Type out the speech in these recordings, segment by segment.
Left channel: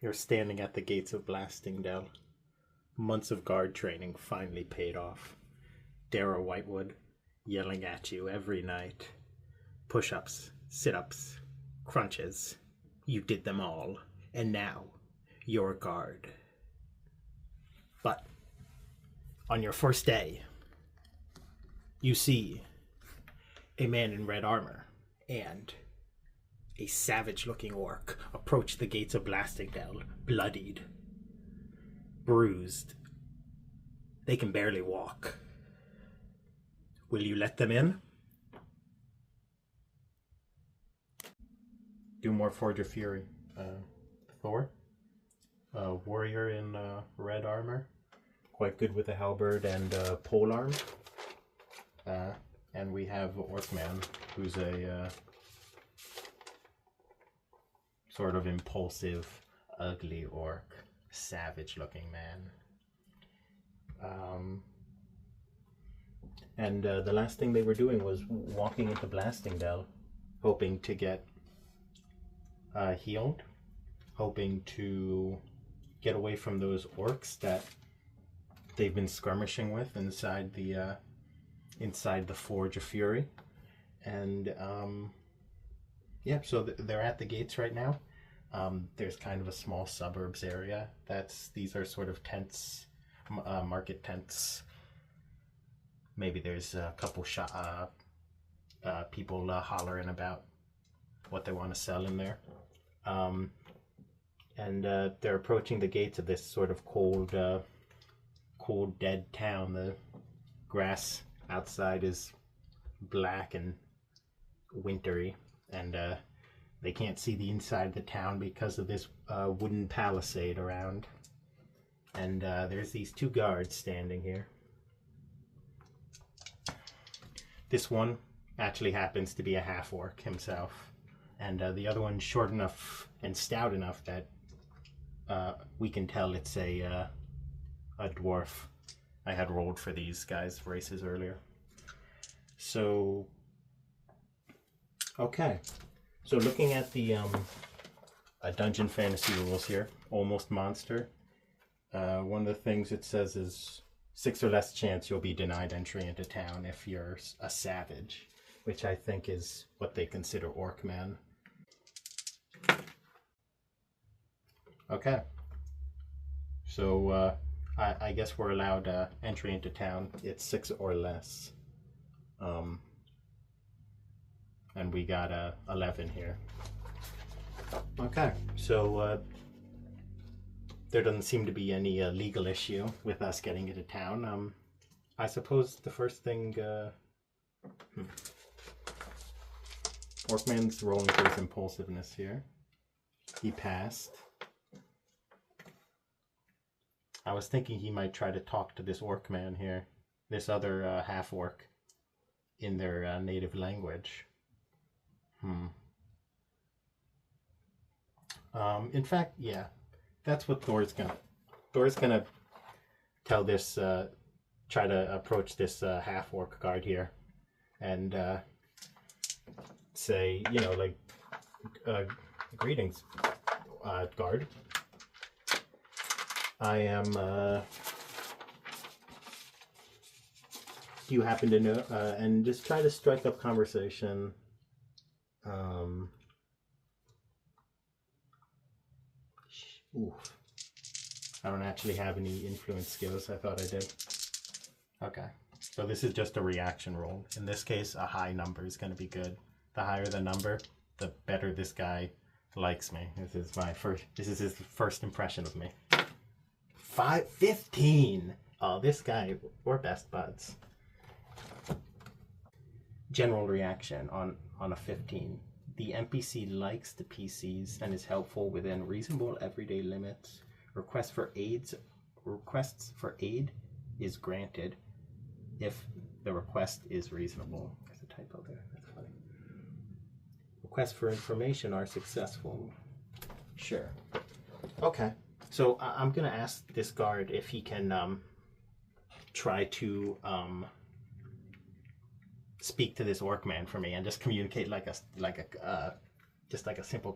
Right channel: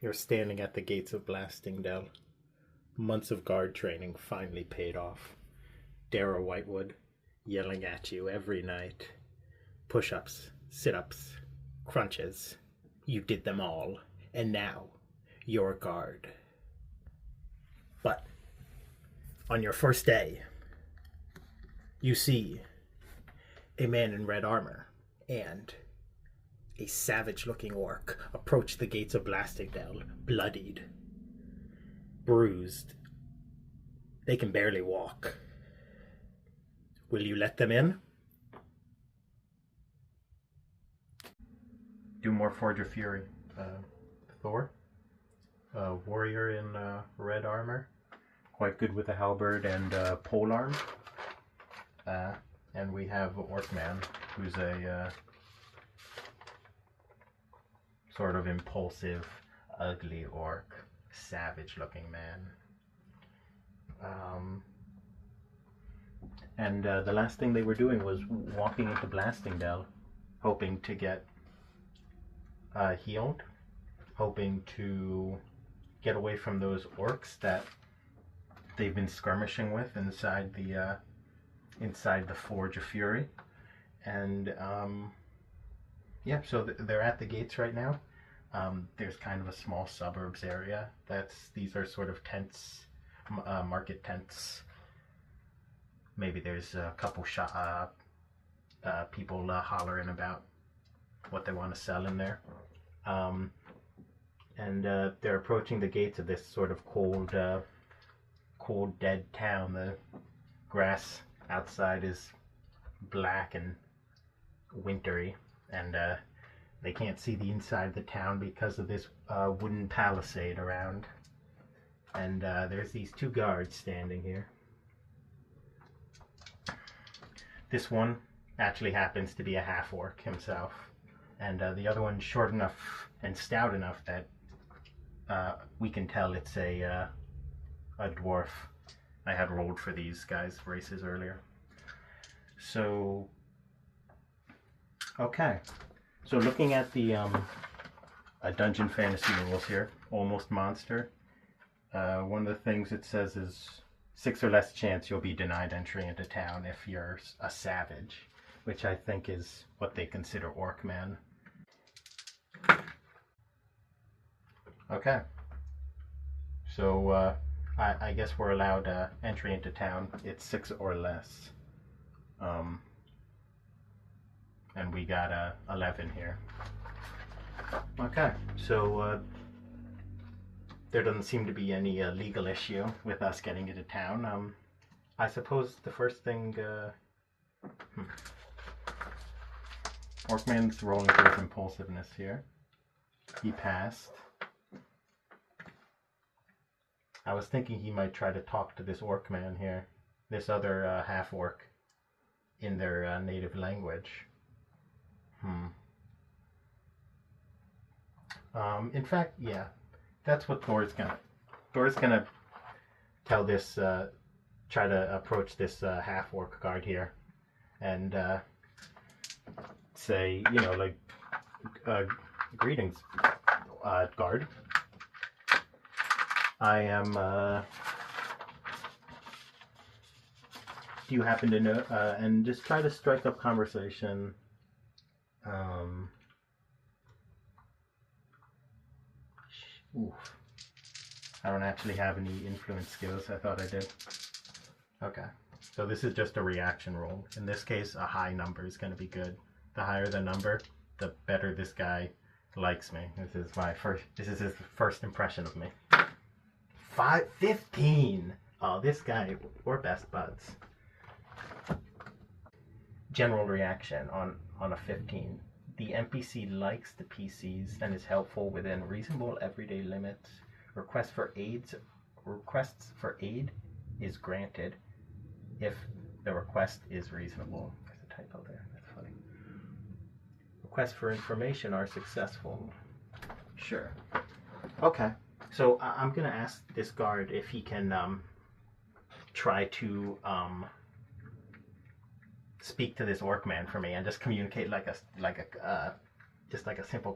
You're standing at the gates of Blastingdale. Months of guard training finally paid off. Darrow Whitewood yelling at you every night. Push-ups, sit-ups, crunches. You did them all, and now you're a guard. But on your first day, you see a man in red armor and a savage-looking orc approach the gates of Blastingdale, bloodied, bruised. They can barely walk. Will you let them in? Do more Forge of Fury. Thor, warrior in red armor, quite good with a halberd and polearm. And we have Orcman, who's a sort of impulsive, ugly orc, savage-looking man. And the last thing they were doing was walking into Blastingdale, hoping to get healed, hoping to get away from those orcs that they've been skirmishing with inside the Forge of Fury. And yeah, so they're at the gates right now. There's kind of a small suburbs area. These are sort of tents, market tents. Maybe there's a couple people hollering about what they want to sell in there. And they're approaching the gates of this sort of cold, dead town. The grass outside is black and wintry, and they can't see the inside of the town because of this wooden palisade around. And there's these two guards standing here. This one actually happens to be a half-orc himself, and the other one's short enough and stout enough that we can tell it's a dwarf. I had rolled for these guys' races earlier. So, okay. So looking at the Dungeon Fantasy rules here, almost monster, one of the things it says is 6 or less chance you'll be denied entry into town if you're a savage, which I think is what they consider Orcman. Okay. So I guess we're allowed entry into town. It's 6 or less. And we got 11 here. Okay, so there doesn't seem to be any legal issue with us getting into town. I suppose the first thing... Orcman's rolling for his impulsiveness here. He passed. I was thinking he might try to talk to this Orcman here, this other half-orc, in their native language. In fact, yeah, that's what Thor's gonna tell this, try to approach this half-orc guard here, and say, you know, like, greetings, guard. I am, do you happen to know, and just try to strike up conversation. I don't actually have any influence skills. I thought I did. Okay, so this is just a reaction roll. In this case, a high number is going to be good. The higher the number, the better this guy likes me. This is his first impression of me. 15. Oh, this guy, we're best buds. General reaction on a 15. The NPC likes the PCs and is helpful within reasonable everyday limits. Requests for aid is granted if the request is reasonable. There's a typo there. That's funny. Requests for information are successful. Sure. Okay. So I'm gonna ask this guard if he can try to speak to this Orcman for me and just communicate like a simple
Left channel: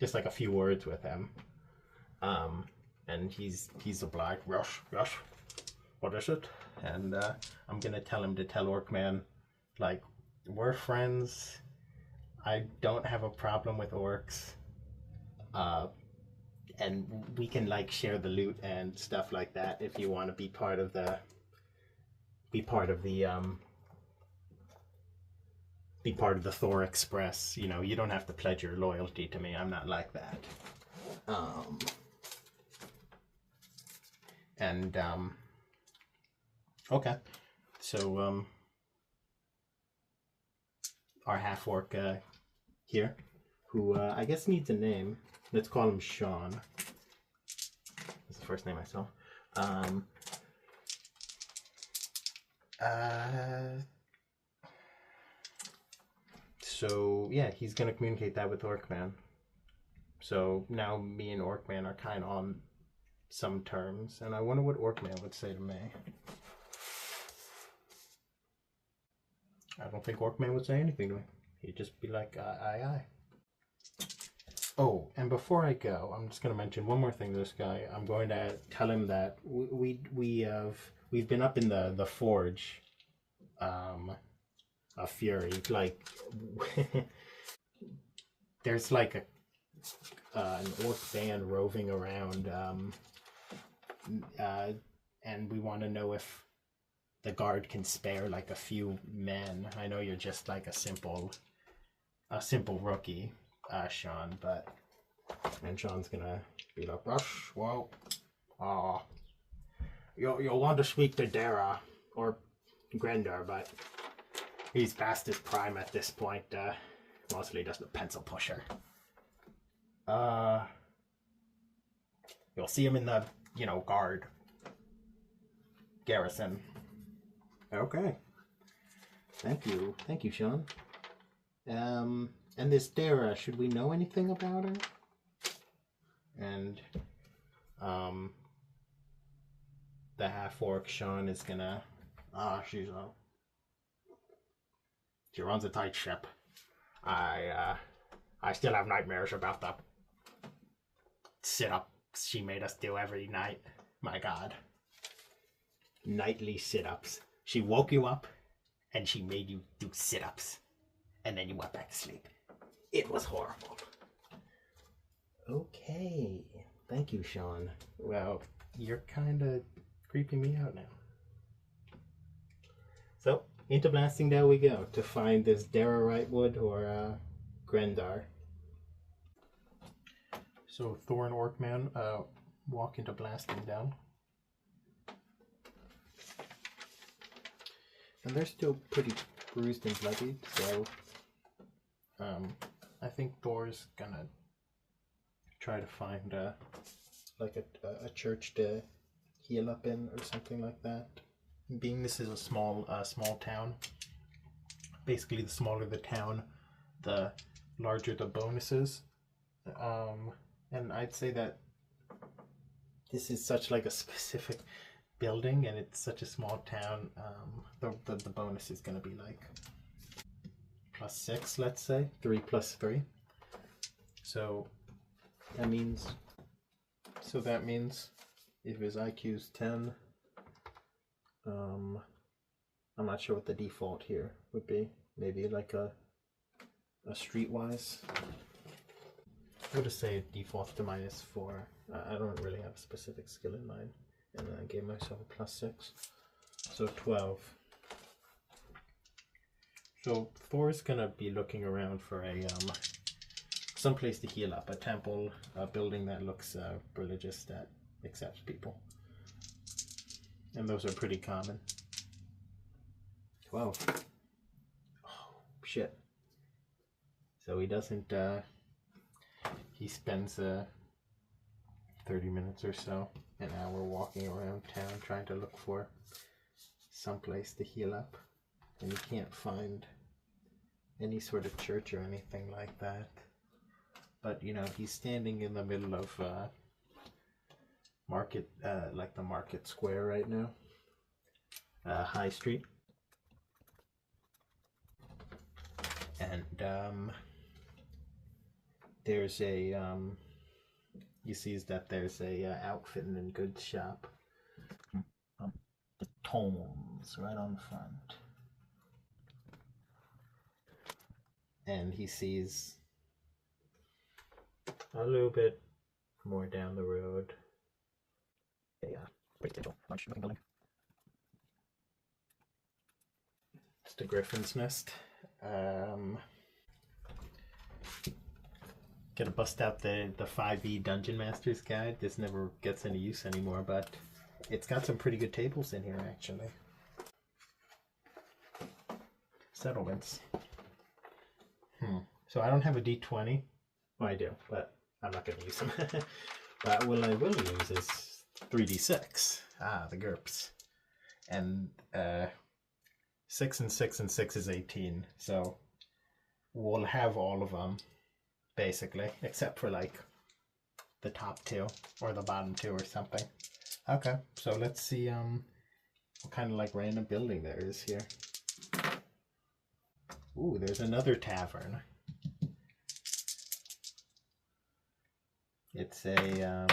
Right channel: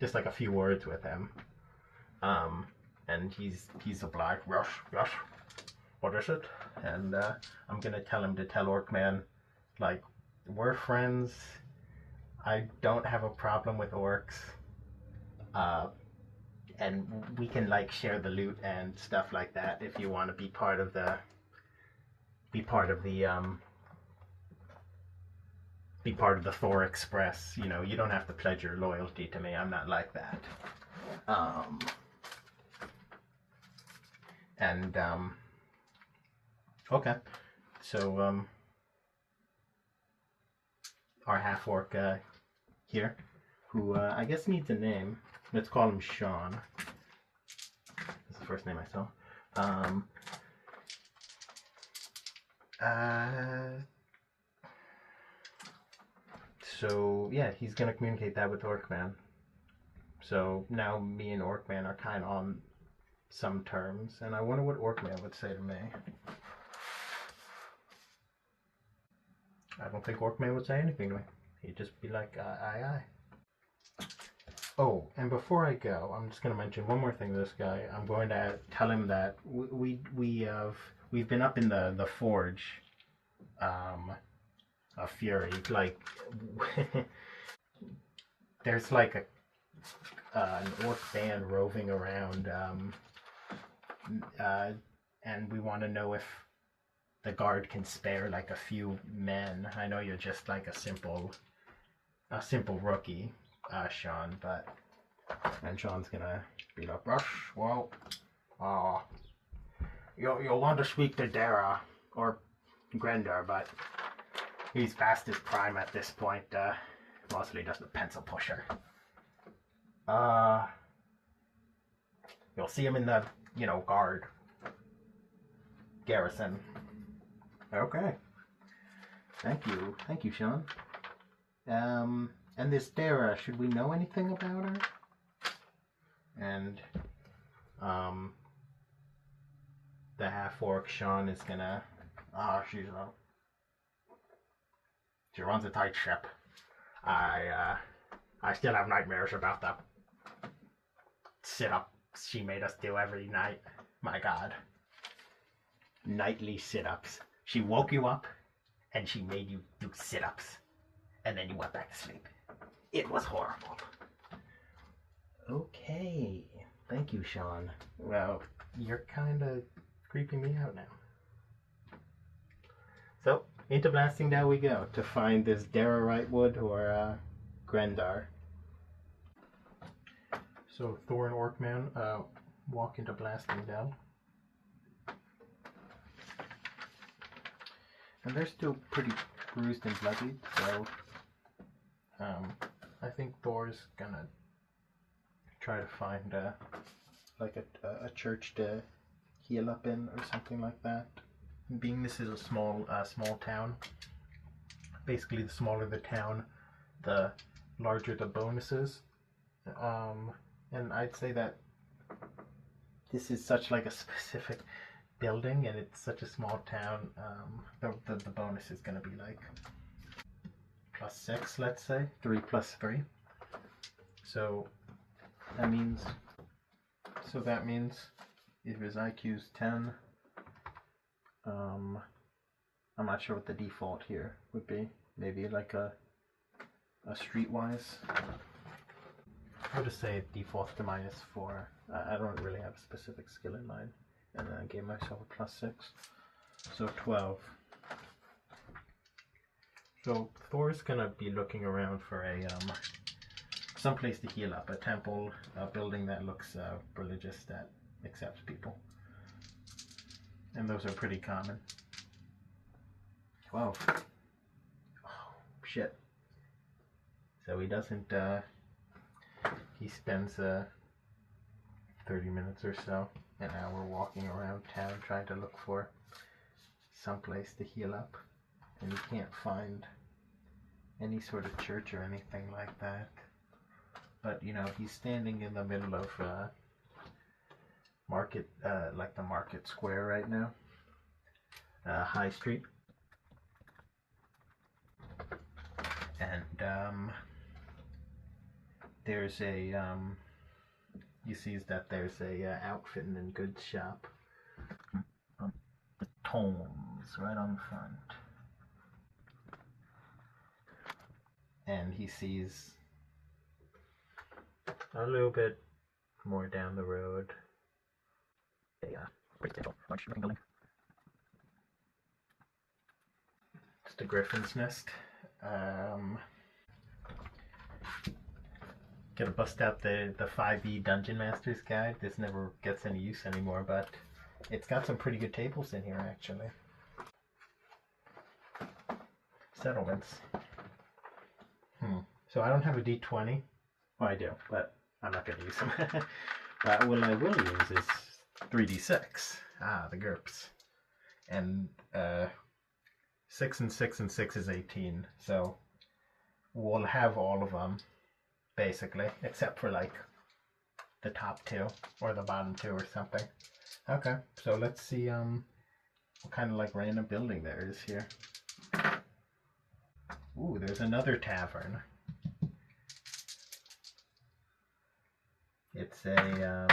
just like a few words with him. And he's obliged. Yes, yes. What is it? And I'm gonna tell him to tell Orcman, like, we're friends. I don't have a problem with orcs. And we can like share the loot and stuff like that if you want to be part of the Thor Express. You know, you don't have to pledge your loyalty to me. I'm not like that. Okay. So our half orc here, who I guess needs a name. Let's call him Sean. That's the first name I saw. So yeah, he's gonna communicate that with Orcman. So now me and Orcman are kind of on some terms, and I wonder what Orcman would say to me. I don't think Orcman would say anything to me. He'd just be like, aye, aye. Oh, and before I go, I'm just going to mention one more thing to this guy. I'm going to tell him that we've been up in the forge of Fury. Like, there's like an orc band roving around, and we want to know if the guard can spare like a few men. I know you're just like a simple rookie, Sean, and Sean's gonna be like, "Rush, well, you'll want to speak to Dara or Grendar, but he's past his prime at this point. Mostly just a pencil pusher. You'll see him in the, guard garrison." Okay. Thank you, Sean. And this Dara, should we know anything about her? And the half orc Sean is gonna. She runs a tight ship. I still have nightmares about the sit-ups she made us do every night. My God. Nightly sit-ups. She woke you up and she made you do sit-ups. And then you went back to sleep. It was horrible. Okay. Thank you, Sean. Well, you're kind of creeping me out now. So, into Blasting Down we go to find this Dara Rightwood or Grendar. So, Thor and Orcman walk into Blasting Down. And they're still pretty bruised and bloodied, so I think Thor's gonna try to find a church to heal up in or something like that. Being this is a small town, basically the smaller the town, the larger the bonuses. And I'd say that this is such like a specific building and it's such a small town, the bonus is going to be like +6, let's say 3 + 3. So that means if his IQ's 10, I'm not sure what the default here would be. Maybe like a streetwise. I would just say it defaults to -4. I don't really have a specific skill in mind. And then I gave myself a +6. So 12. So Thor's gonna be looking around for a some place to heal up. A temple, a building that looks religious, that accepts people. And those are pretty common. 12. Oh, shit. So he doesn't, he spends 30 minutes or so, an hour walking around town trying to look for some place to heal up. And he can't find any sort of church or anything like that. But, he's standing in the middle of market, like the market square right now. High Street. And there's a he sees that there's a outfitting and goods shop. The Tomes right on the front. And he sees a little bit more down the road a residential large looking building. It's the Griffin's Nest. Gonna bust out the 5e Dungeon Master's Guide. This never gets any use anymore, but it's got some pretty good tables in here actually. Settlements. So I don't have a d20. Well, I do, but I'm not gonna use them. But what I will use is 3d6. The GURPS. And 6 and 6 and 6 is 18. So we'll have all of them, basically, except for like the top two or the bottom two or something. Okay, so let's see what kind of like random building there is here. Ooh, there's another tavern. It's a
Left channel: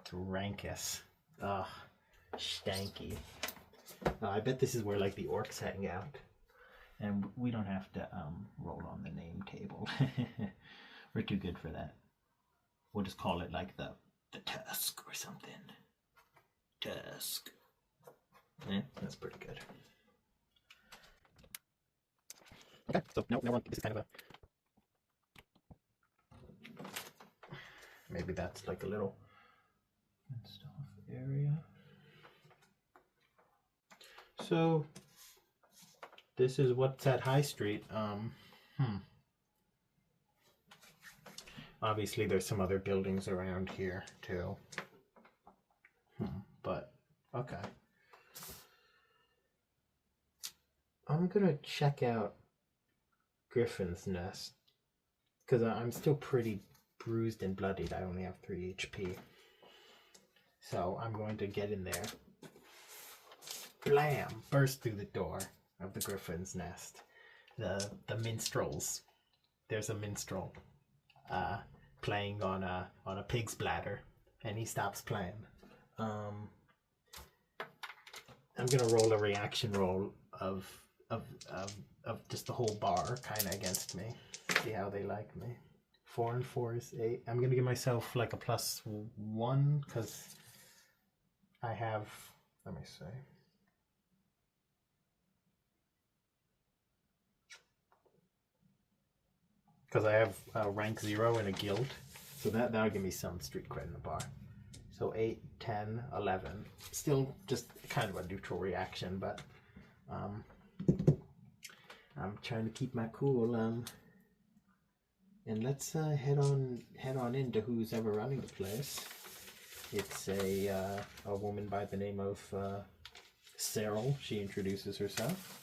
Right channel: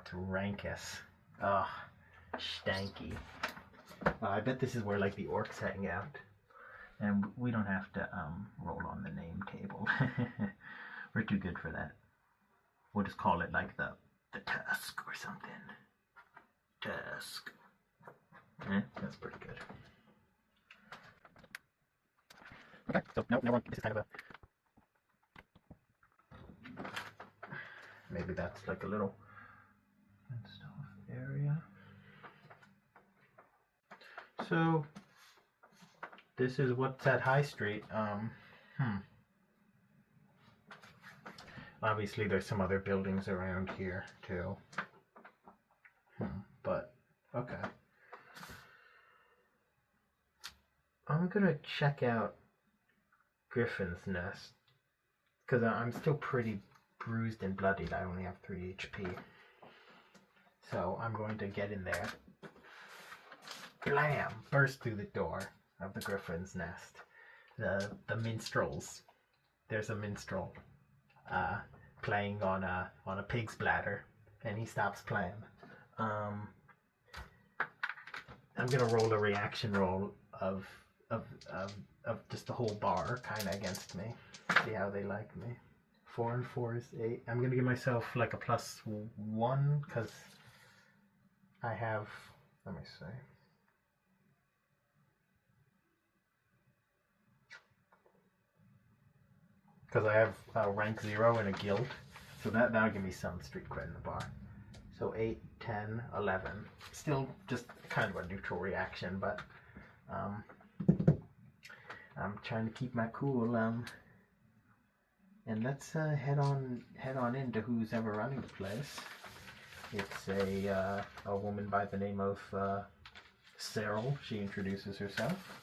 it's Rankus. Oh, stanky. I bet this is where like the orcs hang out. And we don't have to roll on the name table. We're too good for that. We'll just call it like the Tusk or something. Tusk. That's pretty good. Okay, so now this is kind of a... Maybe that's like a little stuff area. So this is what's at High Street. Obviously there's some other buildings around here too. But okay. I'm gonna check out Griffin's Nest because I'm still pretty bruised and bloodied. I only have 3 HP. So I'm going to get in there. Blam! Burst through the door of the Griffin's Nest. The minstrels. There's a minstrel playing on a pig's bladder, and he stops playing. I'm gonna roll a reaction roll of just the whole bar kind of against me. See how they like me. 4 and 4 is 8. I'm gonna give myself like a +1 because I have. Let me see. Because I have rank 0 in a guild, so that'll give me some street cred in the bar. So 8, 10, 11. Still just kind of a neutral reaction, but I'm trying to keep my cool. And let's head on into who's ever running the place. It's a woman by the name of Cyril. She introduces herself.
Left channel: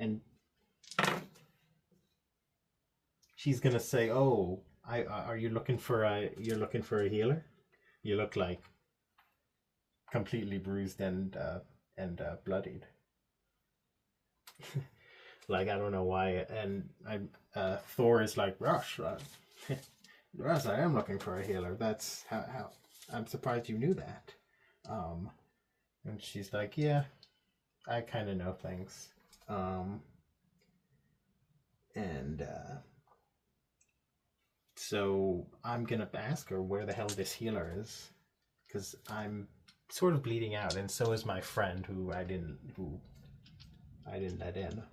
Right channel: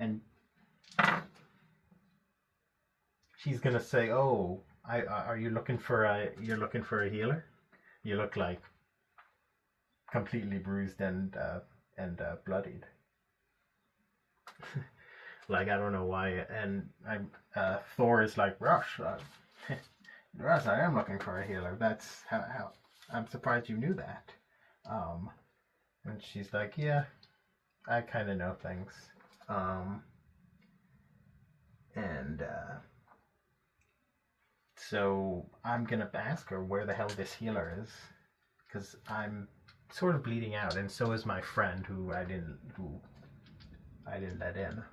And she's gonna say, "Oh, are you looking for a healer? You look like completely bruised and bloodied." Like I don't know why. And Thor is like, "Rush, Rush, I am looking for a healer. That's how I'm surprised you knew that." And she's like, "Yeah, I kind of know things." So I'm gonna ask her where the hell this healer is, because I'm sort of bleeding out, and so is my friend who I didn't let in.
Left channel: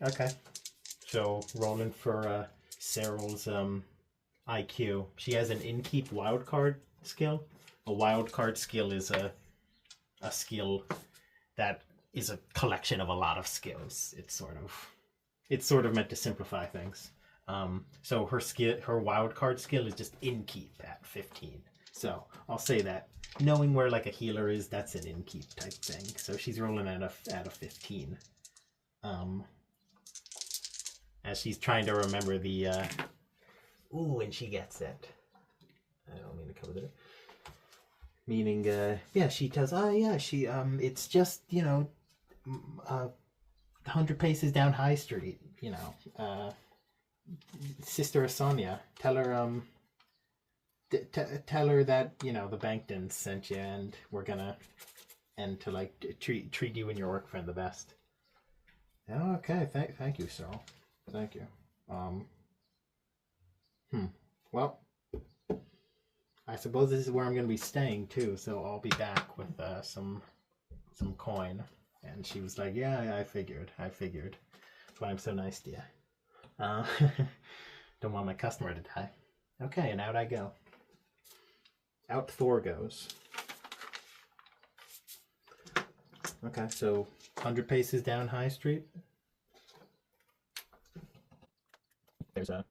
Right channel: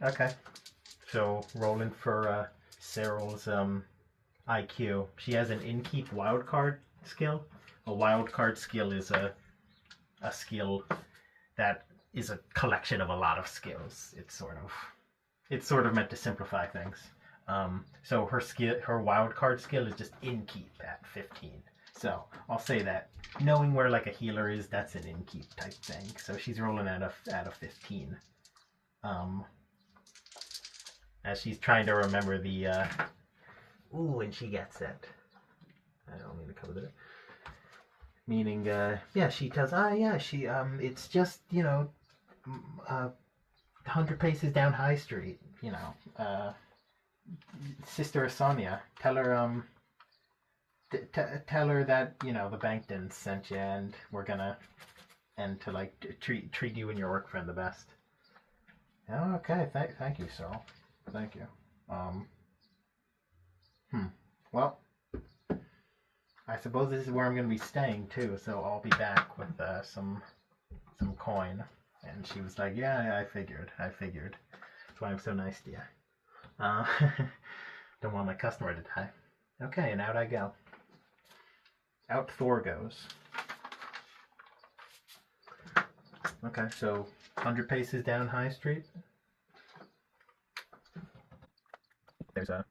Okay, so rolling for Cyril's IQ. She has an Inkeep wildcard skill. A wildcard skill is a skill that is a collection of a lot of skills. It's sort of meant to simplify things. So her wildcard skill is just Inkeep at 15. So I'll say that knowing where like a healer is, that's an Inkeep type thing. So she's rolling at a 15. As she's trying to remember the ooh, and she gets it. I don't mean to cover that. Meaning, yeah, she tells, it's just, 100 paces down High Street, Sister Sonia, tell her, tell her that, the bank didn't send you and we're gonna, and to, like, treat you and your work friend the best. Oh, okay, thank you, Sorrel. Thank you. Well, I suppose this is where I'm going to be staying too, so I'll be back with some coin. And she was like, yeah, I figured. That's why I'm so nice to you. Don't want my customer to die. Okay, and out I go. Out Thor goes. Okay, so 100 paces down High Street. There's a...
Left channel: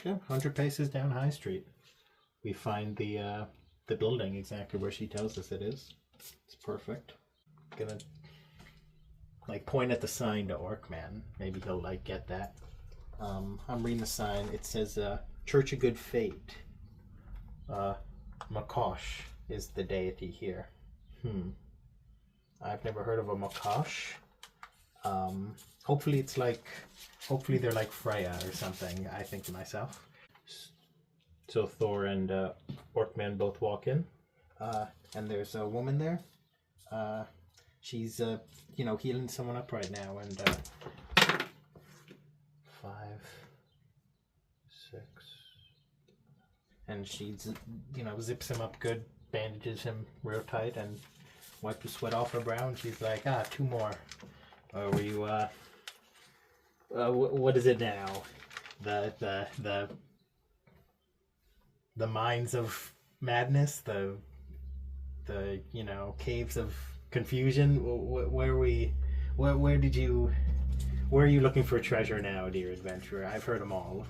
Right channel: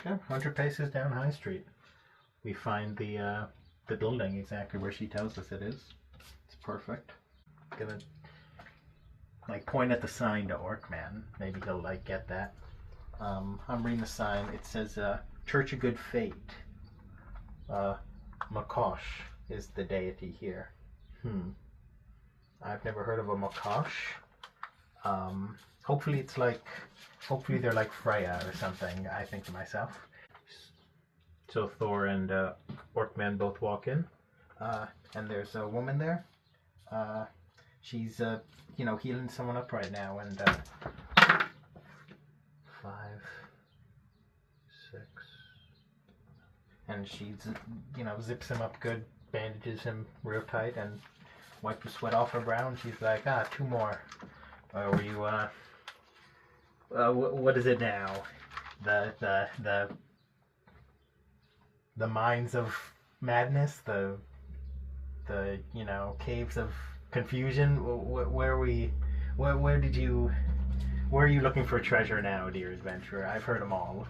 Okay, 100 paces down High Street. We find the building exactly where she tells us it is. It's perfect. Gonna like point at the sign to Orcman. Maybe he'll like get that. I'm reading the sign. It says Church of Good Fate. Makosh is the deity here. I've never heard of a Makosh. Hopefully they're like Freya or something, I think to myself. So Thor and Orcman both walk in, and there's a woman there. She's healing someone up right now, and 5, 6, and she's zips him up good, bandages him real tight, and wipes the sweat off her brow. And she's like, 2 more. Or were you what is it now? The mines of madness, the caves of confusion. Where are you looking for treasure now, dear adventurer? I've heard them all.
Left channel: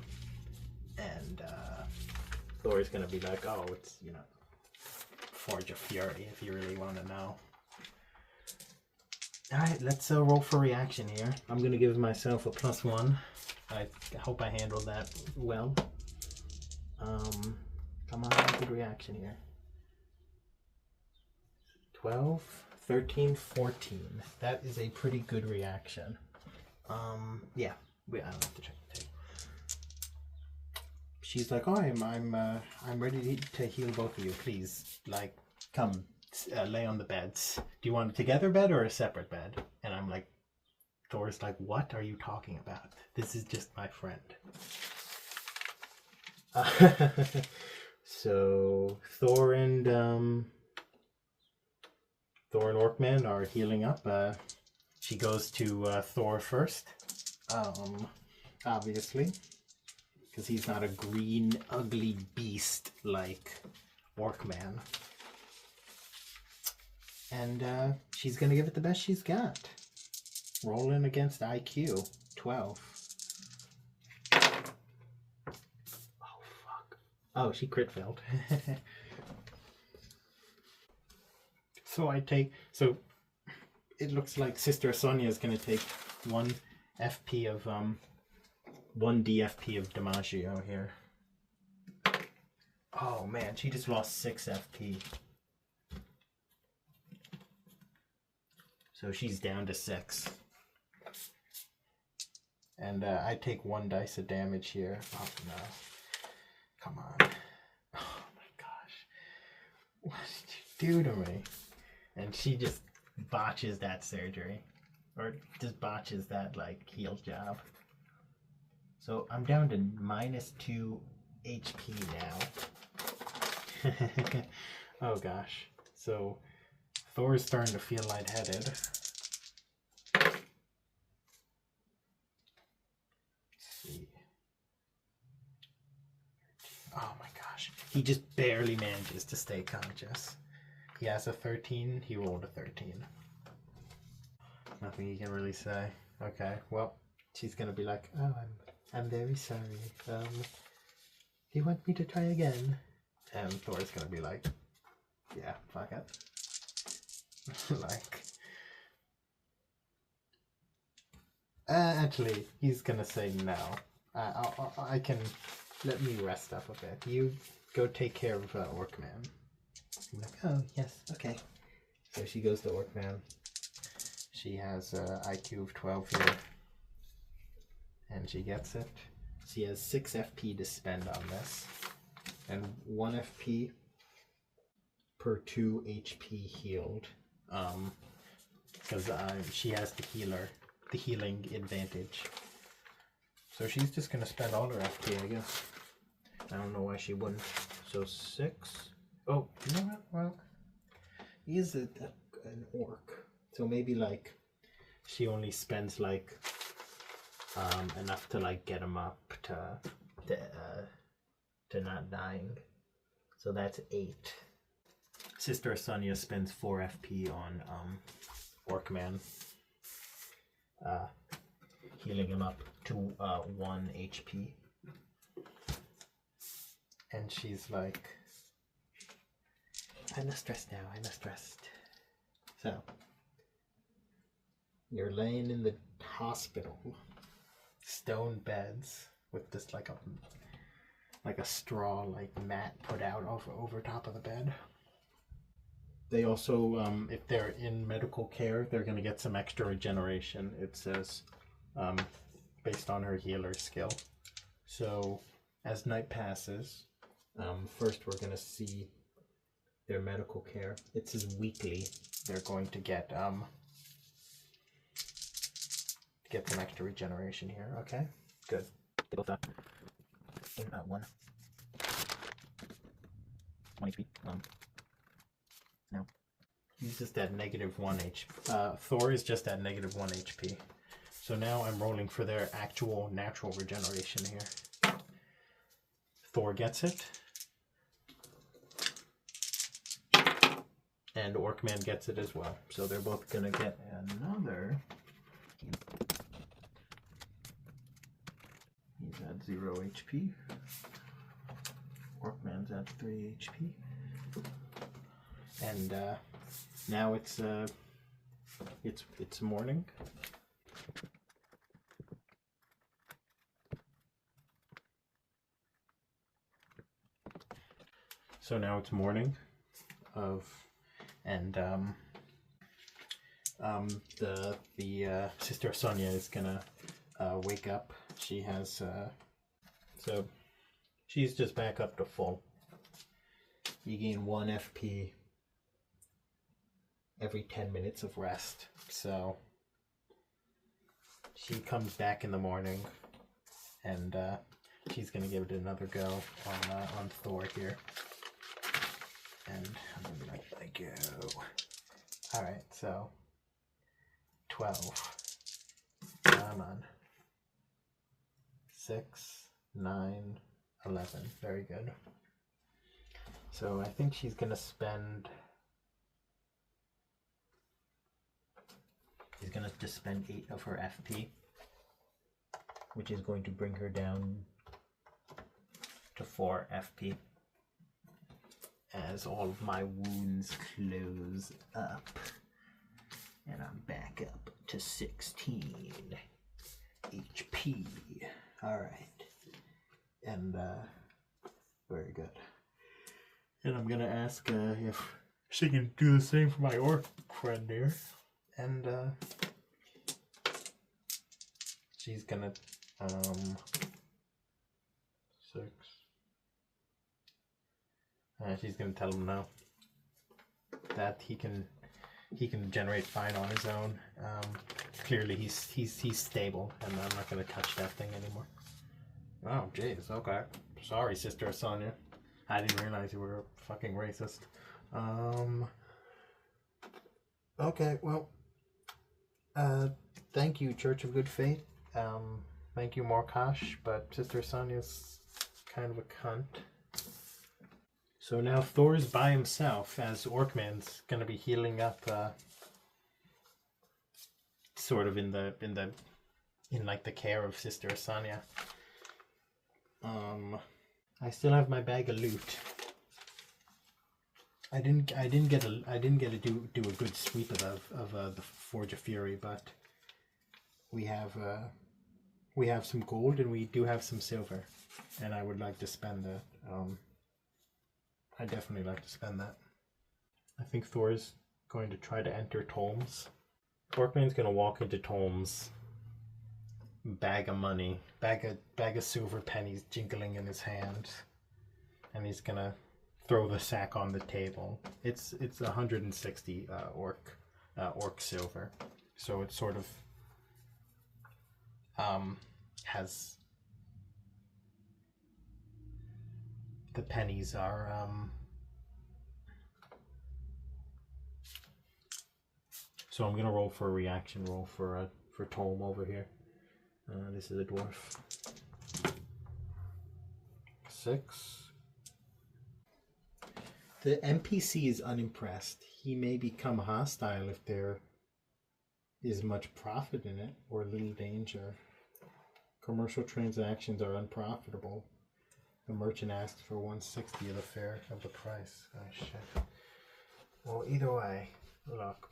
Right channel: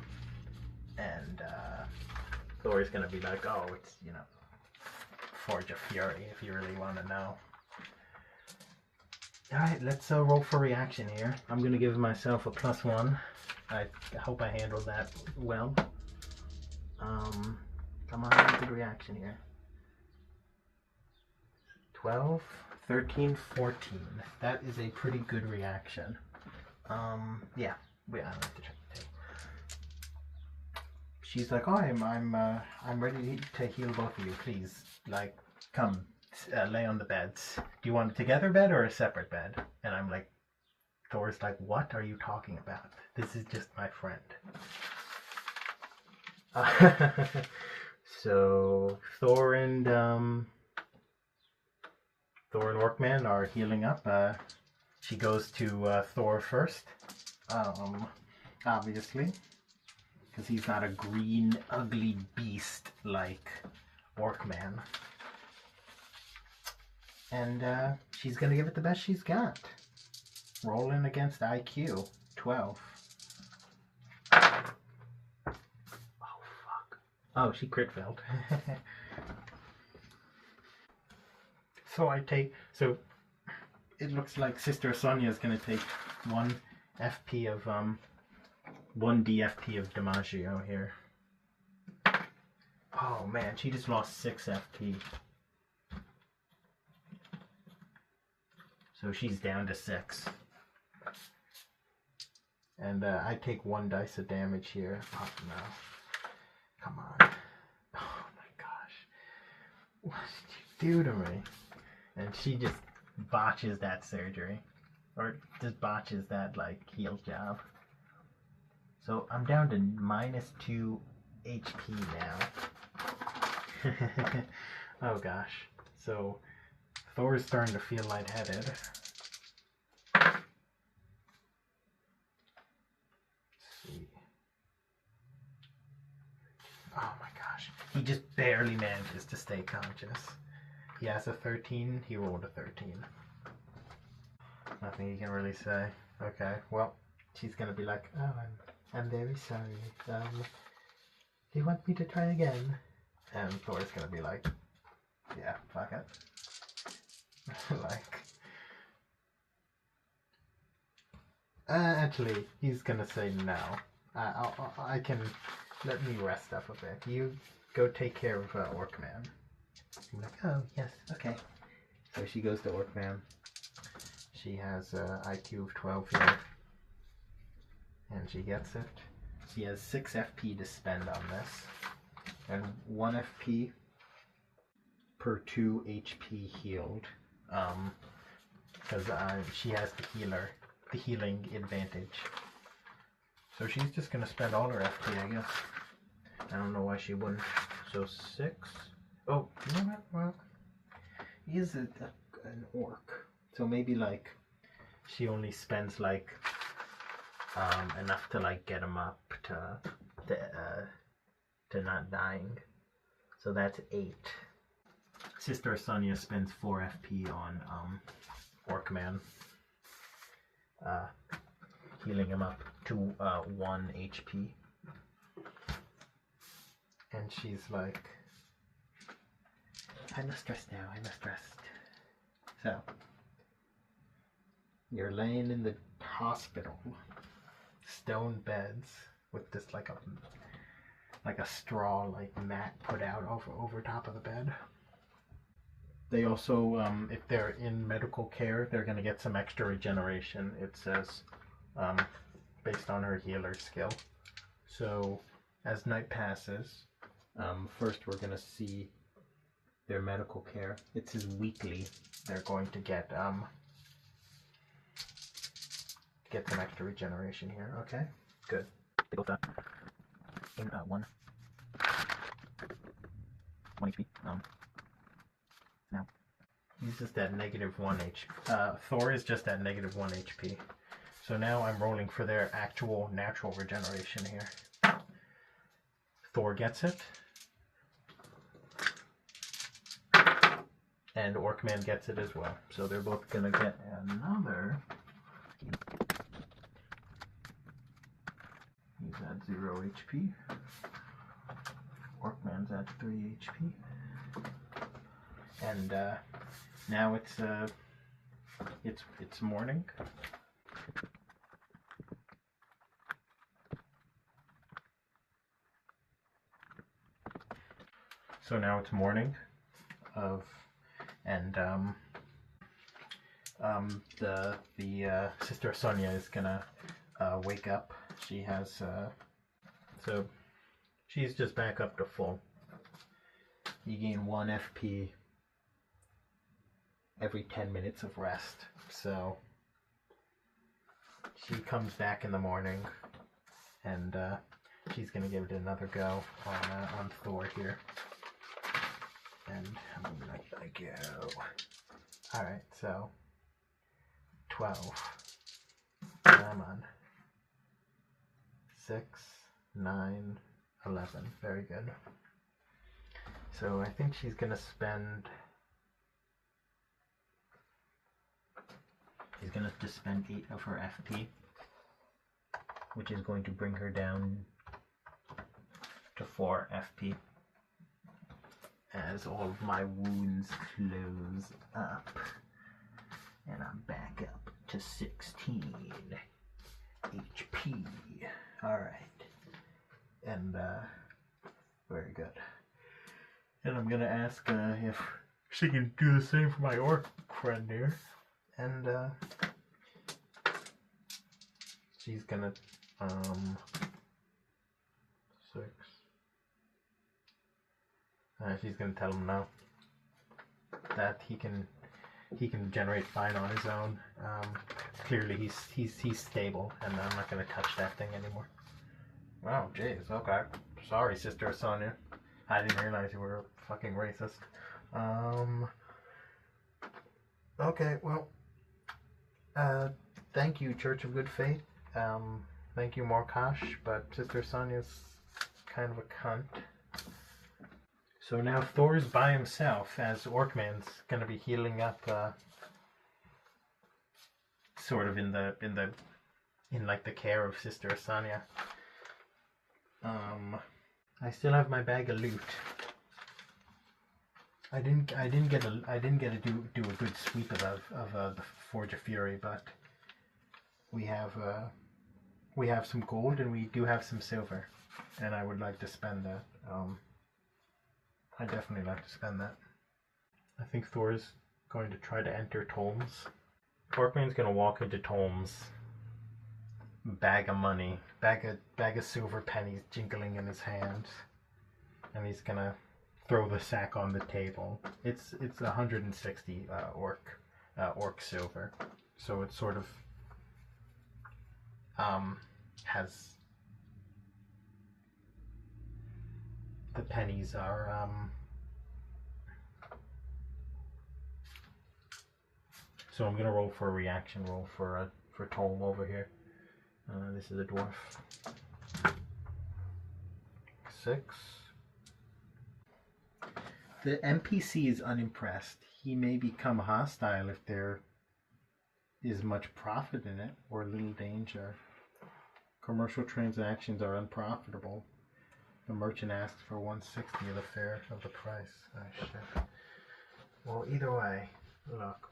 And Thor's gonna be like, oh, it's Forge of Fury if you really want to know. Alright, let's roll for reaction here. I'm going to give myself a +1. I hope I handled that well. Come on, good reaction here. 12, 13, 14. That is a pretty good reaction. Yeah, I like to check the table. She's like, oh, I'm ready to heal both of you. Please, like, come. Lay on the beds. Do you want a together bed or a separate bed? And I'm like, Thor's like, what are you talking about? This is just my friend. So Thor and Orcman are healing up. She goes to Thor first, obviously, because he's not a green, ugly beast like Orcman. And she's going to give it the best she's got. Rolling against IQ. 12. Oh, fuck. Oh, she crit failed. So it looks like Sister Sonia is going to take 1 FP of, 1 DFP of DiMaggio here. Oh, man, she just lost 6 FP. So she's down to 6. And I take 1 dice of damage here. Oh no. Come on. Oh my gosh. What did you do to me? And she just botches that surgery. Or just botches that, like, heal job. So I'm down to -2 HP now. Oh gosh. So Thor is starting to feel lightheaded. Let's see. Oh my gosh. He just barely manages to stay conscious. He has a 13. He rolled a 13. Nothing he can really say. Okay, well, she's gonna be like, oh, I'm very sorry. Do you want me to try again? And Thor's gonna be like, yeah, fuck it. Like, Actually, he's gonna say no. I can... Let me rest up a bit. You go take care of Orcman. I'm like, oh, yes, okay. So she goes to Orcman. She has IQ of 12 here. And she gets it. She has 6 FP to spend on this. And 1 FP per 2 HP healed. Because she has the healing advantage. So she's just going to spend all her FP, I guess. I don't know why she wouldn't. So 6. Oh, you know what? Well, he is an orc. So maybe like she only spends like enough to like get him up to not dying. So that's 8. Sister Sonia spends 4 FP on Orcman, healing him up to 1 HP. And she's like, I'm not stressed now, I'm not stressed. So, you're laying in the hospital, stone beds, with this like a straw like mat put out over top of the bed. They also, if they're in medical care, they're going to get some extra regeneration, it says, based on her healer skill. So, as night passes, first we're going to see their medical care. It says weekly. They're going to get some extra regeneration here. Okay, good. They both in 1 HP. Now he's just at -1 HP. Thor is just at -1 HP. So now I'm rolling for their actual natural regeneration here. Thor gets it. And Orcman gets it as well. So they're both gonna get another. He's at 0 HP. Orcman's at 3 HP. And now it's morning. So now it's morning the Sister Sonia is gonna wake up. She has so she's just back up to full. You gain 1 FP every 10 minutes of rest. So she comes back in the morning, and she's gonna give it another go on Thor here. And I'm gonna let that go. Alright, so 12. Come on. 6, 9, 11. Very good. So I think she's gonna spend. She's gonna just spend 8 of her FP, which is going to bring her down to 4 FP. As all of my wounds close up, and I'm back up to 16 HP. Alright, and very good. And I'm gonna ask if she can do the same for my orc friend here, and she's gonna 6. She's gonna tell him no. That he can generate fine on his own. Clearly he's stable, and I'm not gonna touch that thing anymore. Oh jeez, okay. Sorry, Sister Sonia. I didn't realize you were fucking racist. Okay, well, thank you, Church of Good Faith. Thank you, Morkash, but Sister Sonia's kind of a cunt. So now Thor's by himself, as Orcman's gonna be healing up, sort of in like the care of Sister Sonia. I still have my bag of loot. I didn't get to do a good sweep of the Forge of Fury, but we have some gold and we do have some silver, and I would like to spend that. I definitely like to spend that. I think Thor's going to try to enter Tolm's. Orcman's going to walk into Tolm's, bag of money, bag of silver pennies jingling in his hand, and he's going to throw the sack on the table. It's 160 orc silver, so it sort of has, the pennies are so I'm gonna roll for a reaction roll for Tolm over here. This is a dwarf. 6. The NPC is unimpressed. He may become hostile if there is much profit in it or little danger. Commercial transactions are unprofitable. The merchant asks for 1/60 of the fare of the price. Oh shit. Well, either way, look,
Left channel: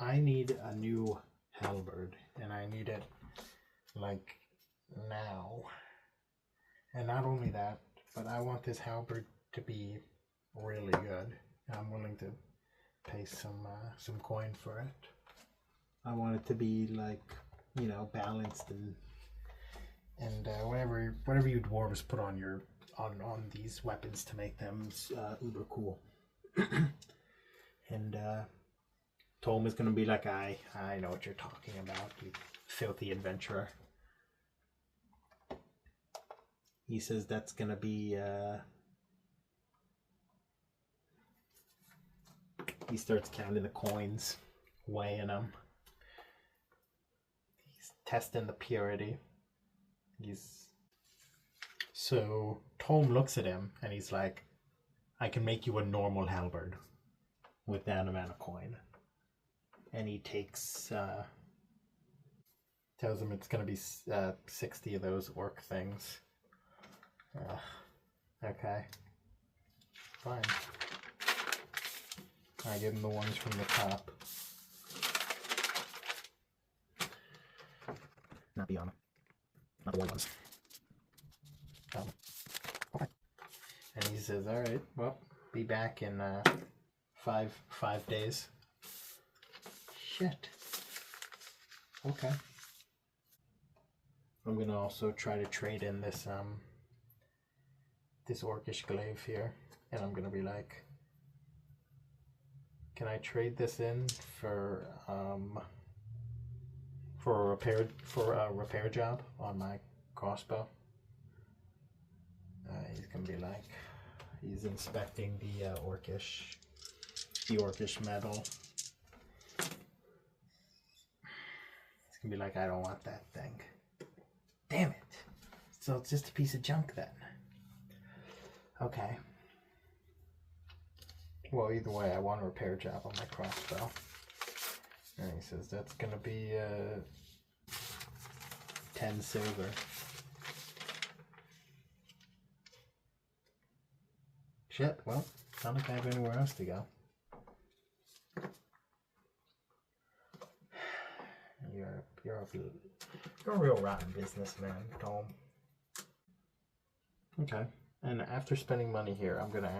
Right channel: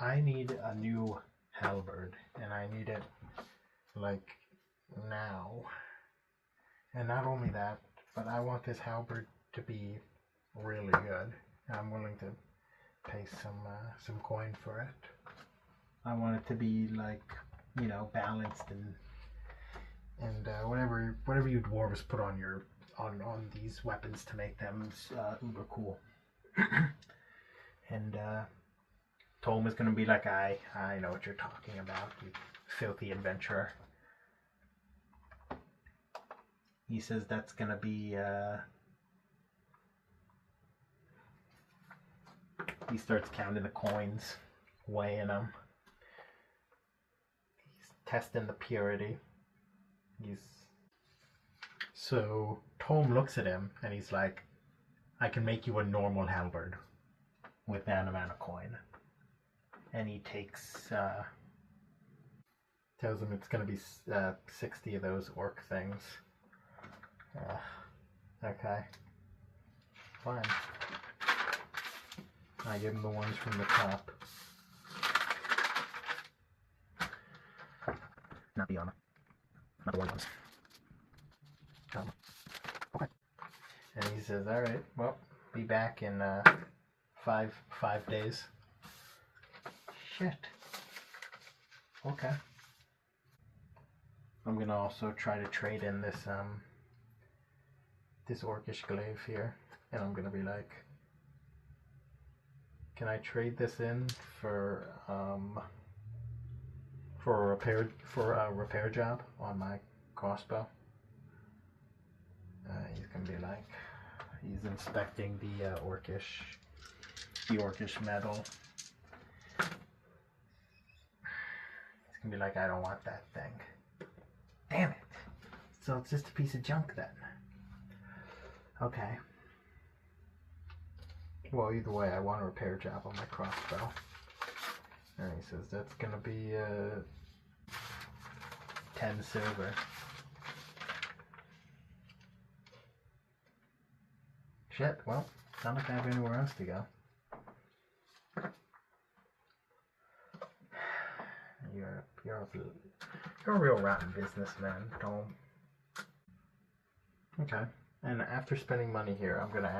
I need a new halberd, and I need it like now. And not only that, but I want this halberd to be really good. I'm willing to pay some coin for it. I want it to be like, you know, balanced and whatever you dwarves put on your on these weapons to make them uber cool. And Tolm is gonna be like, I know what you're talking about, you filthy adventurer. He says that's gonna be he starts counting the coins, weighing them. He's testing the purity. So Tolm looks at him and he's like, I can make you a normal halberd with that amount of coin. And he takes, tells him it's going to be 60 of those orc things. Okay, fine. I give him the ones from the top. Not the war ones. Okay. And he says, all right, well, be back in 5 days. Shit. Okay. I'm going to also try to trade in this this orcish glaive here, and I'm going to be like, can I trade this in for a repair job on my crossbow? He's gonna be like, he's inspecting the orcish metal. He's gonna be like, I don't want that thing. Damn it! So it's just a piece of junk then. Okay. Well, either way, I want a repair job on my crossbow. And he says that's gonna be 10 silver. Shit, well, not like I have anywhere else to go. You're a real rotten businessman, Tolm. Okay, and after spending money here, I'm gonna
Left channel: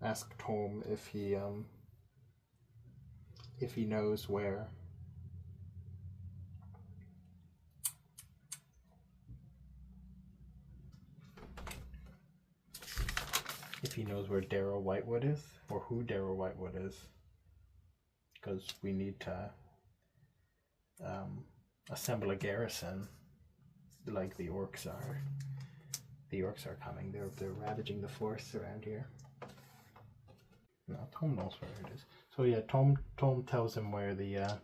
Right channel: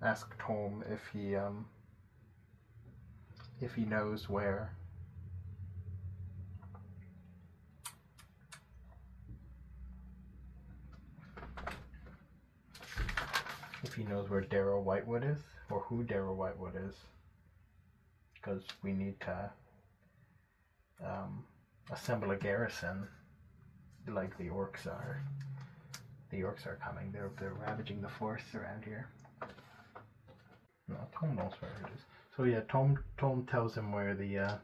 ask Tolm if he knows where Darrow Whitewood is, or who Darrow Whitewood is, because we need to assemble a garrison like the orcs are. The orcs are coming. They're ravaging the forests around here. No, Tolm knows where it is. So yeah, Tolm tells him where the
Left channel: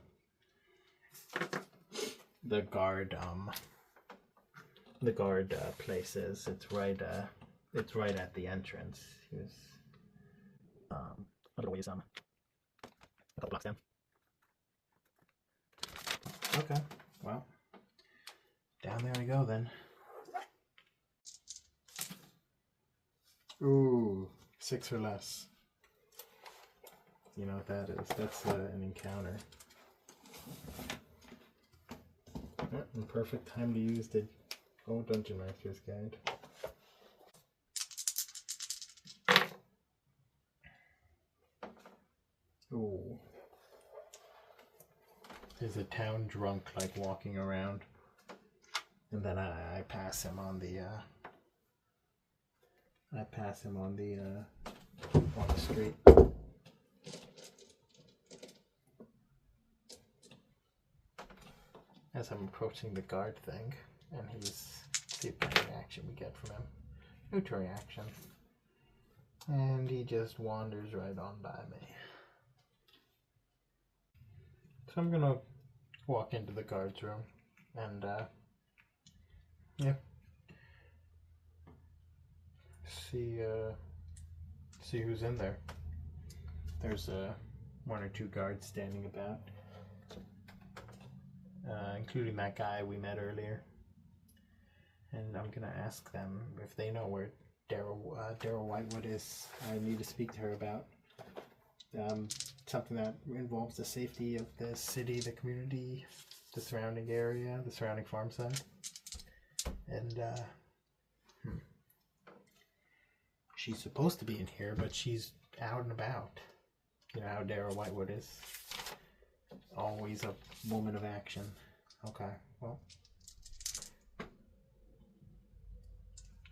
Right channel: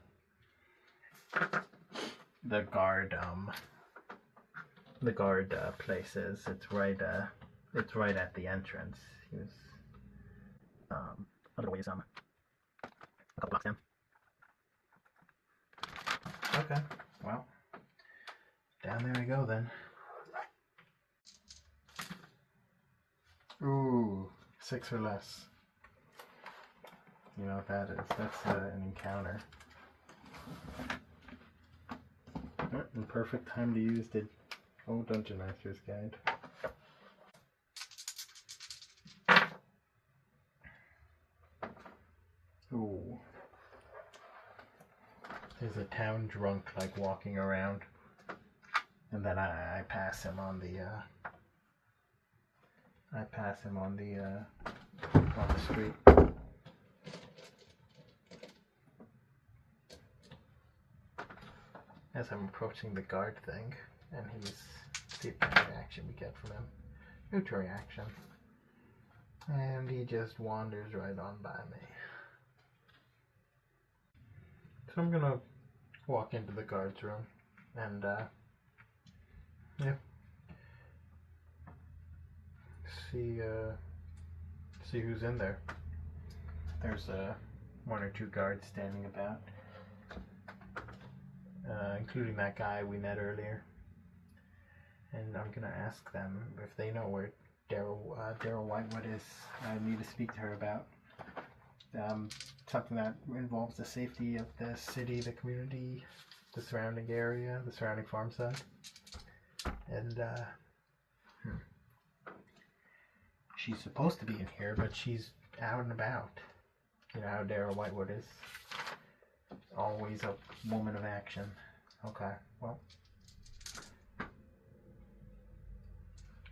guard place is. It's right at the entrance. He was a little ways a couple blocks down. Okay, well, down there we go then. Ooh, 6 or less. You know what that is? That's an encounter. And perfect time to use the Dungeon Master's Guide. Ooh. There's a town drunk like walking around, and then I pass him on the on the street. As I'm approaching the guard thing, and see what kind of reaction we get from him. Neutral reaction. And he just wanders right on by me. So I'm gonna walk into the guard's room and yeah, see who's in there. There's one or two guards standing about, including that guy we met earlier. And I'm gonna ask them if they know where Daryl Whitewood is. I need to speak to her about something that involves the safety of the city, the community, the surrounding area, the surrounding farm side. And she's supposed to be in here, but she's out and about. You know how Daryl Whitewood is. Always a woman of action. Okay, well.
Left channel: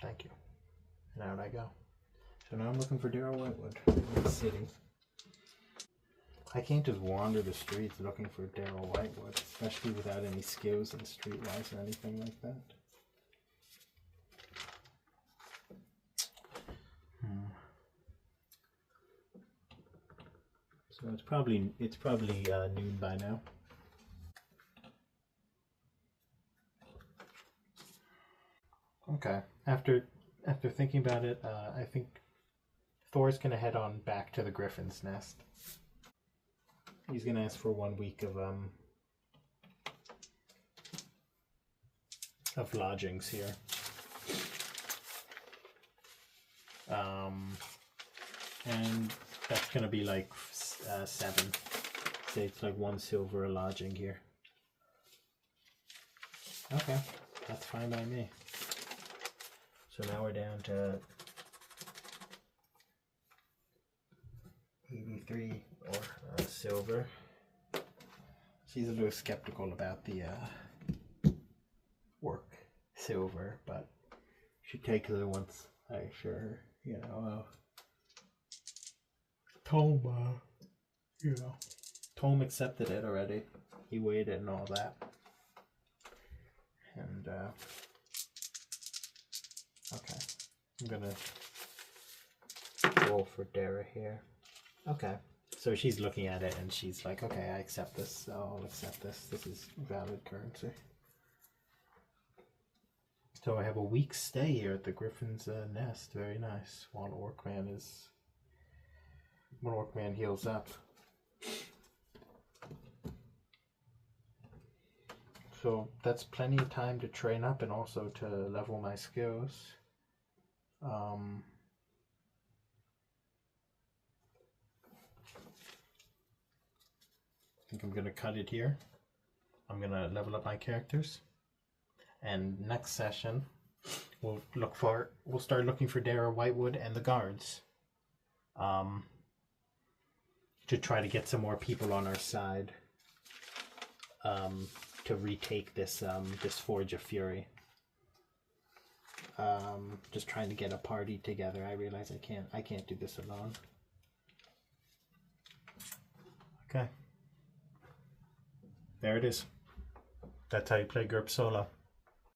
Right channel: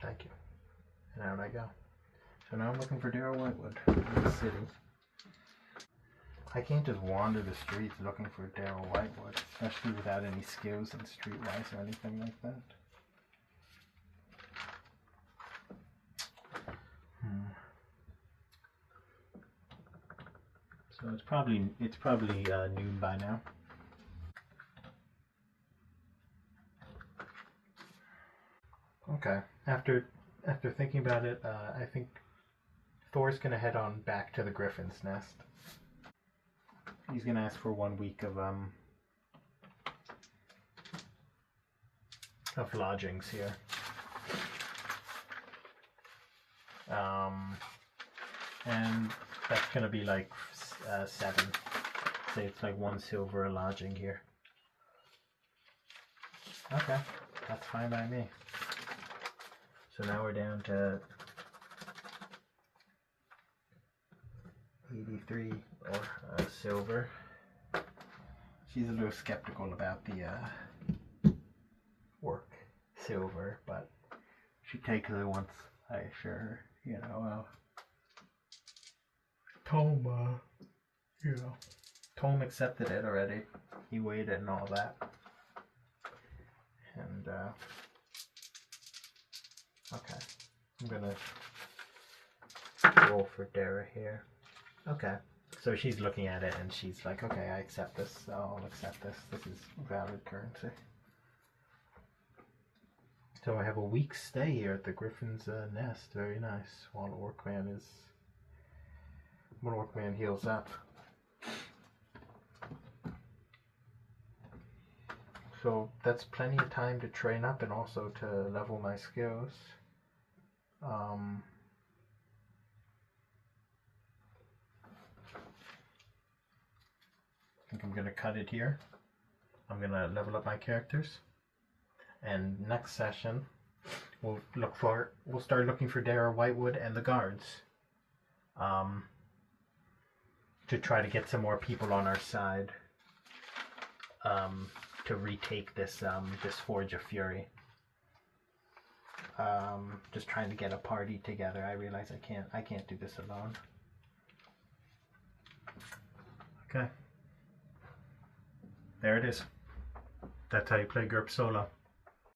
Thank you. And out I go. So now I'm looking for Daryl Whitewood in the city. I can't just wander the streets looking for Daryl Whitewood, especially without any skills in streetwise or anything like that. So it's probably noon by now. Okay. After thinking about it, I think Thor's gonna head on back to the Griffin's Nest. He's gonna ask for 1 week of lodgings here. And that's gonna be like 7. Say it's like 1 silver a lodging here. Okay, that's fine by me. So now we're down to 83 or silver. She's a little skeptical about the work silver, but she takes it once I assure her, you know. Tom accepted it already. He weighed it and all that. And okay, I'm gonna roll for Dara here. Okay, so she's looking at it and she's like, okay, I accept this. I'll accept this. This is valid currency. So I have a week's stay here at the Griffin's Nest. Very nice. While Orcman heals up. So that's plenty of time to train up and also to level my skills. I think I'm going to cut it here. I'm going to level up my characters. And next session, we'll start looking for Dara Whitewood and the guards. To try to get some more people on our side. To retake this Forge of Fury. Just trying to get a party together. I realize I can't do this alone. Okay. There it is. That's how you play GURPS solo.